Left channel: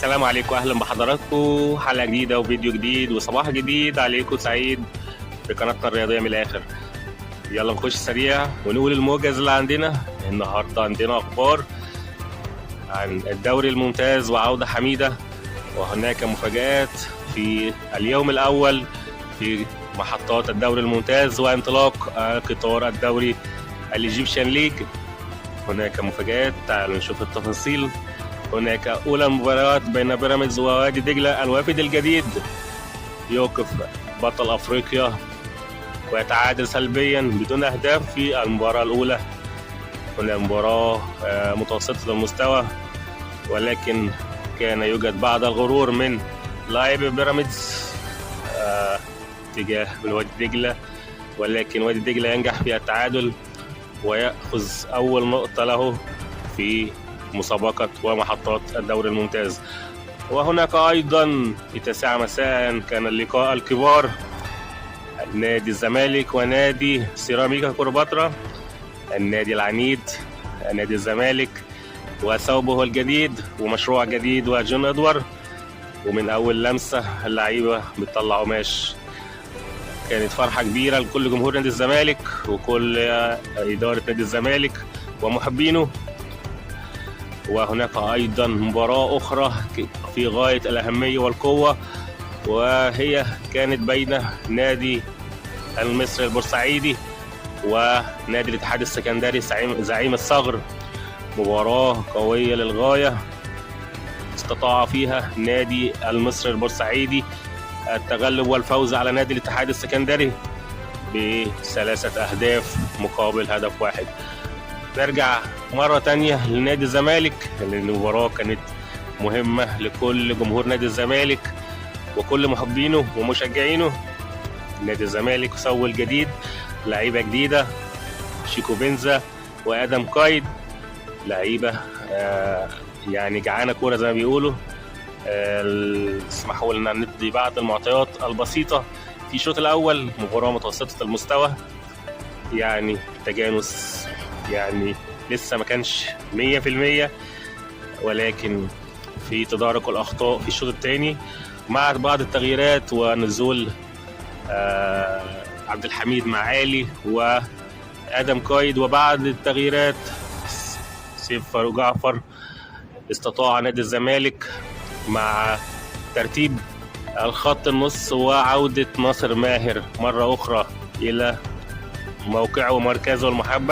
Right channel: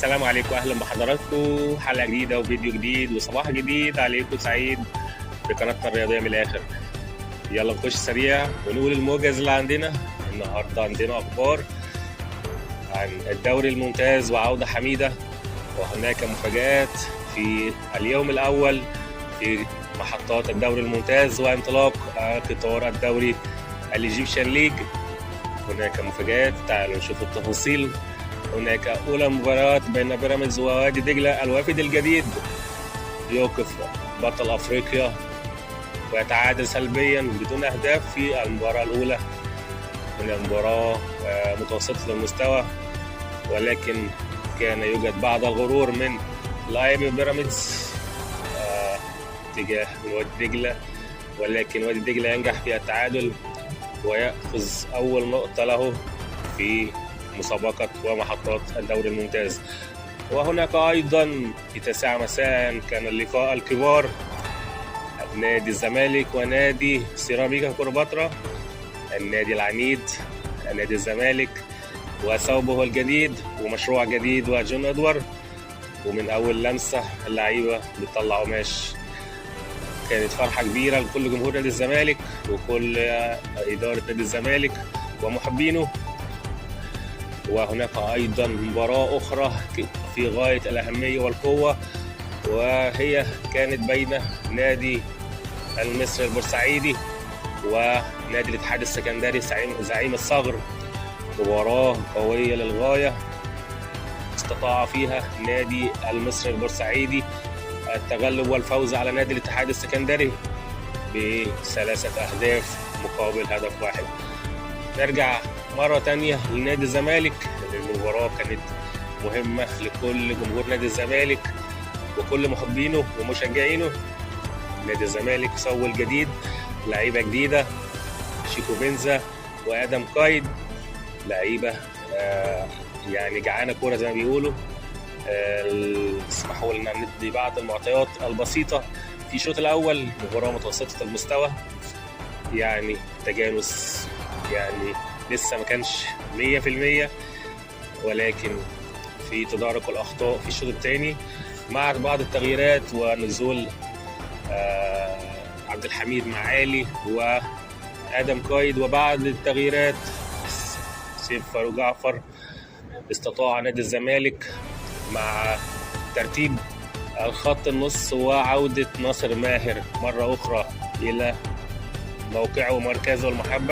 السلام عليكم، اهلا بحضراتكم. حلقه جديده وفيديو جديد وصباح جديد عليكم سعيد في قناتنا الرياضيه من الاخر. يلا نخش سريع ونقول الموجز اللي عندنا النهارده. عندنا اخبار عن الدوري الممتاز وعوده حميده، وهناك مفاجآت في اليوم الاول في محطات الدوري الممتاز وانطلاق قطار الدوري الايجيبشن ليج. هناك مفاجآت، تعالوا نشوف التفاصيل. هناك أولى مباريات بين بيراميدز ووادي دجلة. الوافد الجديد يوقف بطل أفريقيا ويتعادل سلبيا بدون أهداف في المباراة الأولى. هنا مباراة متوسطة المستوى، ولكن كان يوجد بعض الغرور من لاعب بيراميدز تجاه وادي دجلة، ولكن وادي دجلة ينجح في التعادل ويأخذ أول نقطة له في مسابقة ومحطات الدوري الممتاز. وهناك أيضا في 9 مساء كان اللقاء الكبار، نادي الزمالك ونادي سيراميكا كليوباترا. النادي العنيد نادي الزمالك وثوبه الجديد ومشروع جديد وجون ادوار، ومن أول لمسة اللعيبة بتطلع قماش. كانت فرحة كبيرة لكل جمهور نادي الزمالك وكل إدارة نادي الزمالك ومحبينه. وهناك أيضا مباراة أخرى في غاية الأهمية والقوة، وهي كانت بين نادي المصري البورسعيدي ونادي الاتحاد السكندري زعيم الصغر. مباراة قوية للغاية، استطاع فيها نادي المصري البورسعيدي التغلب والفوز على نادي الاتحاد السكندري ب3 أهداف مقابل هدف واحد. نرجع مرة تانية لنادي الزمالك، لأن المباراة كانت مهمة لكل جمهور نادي الزمالك وكل محبينه ومشجعينه. نادي الزمالك سوى الجديد، لعيبة جديدة، شيكو بنزا وآدم قايد، لعيبة يعني جعانة كورة زي ما بيقولوا. اسمحوا لنا ندي بعض المعطيات البسيطة. في الشوط الأول مباراة متوسطة المستوى، يعني تجانس يعني لسه ما كانش 100%، ولكن في تدارك الأخطاء في الشوط الثاني مع بعض التغييرات ونزول عبد الحميد معالي وآدم قايد، وبعد التغييرات سيف فاروق جعفر استطاع نادي الزمالك مع ترتيب الخط النص وعودة ناصر ماهر مرة أخرى إلى موقعه ومركزه المحبب.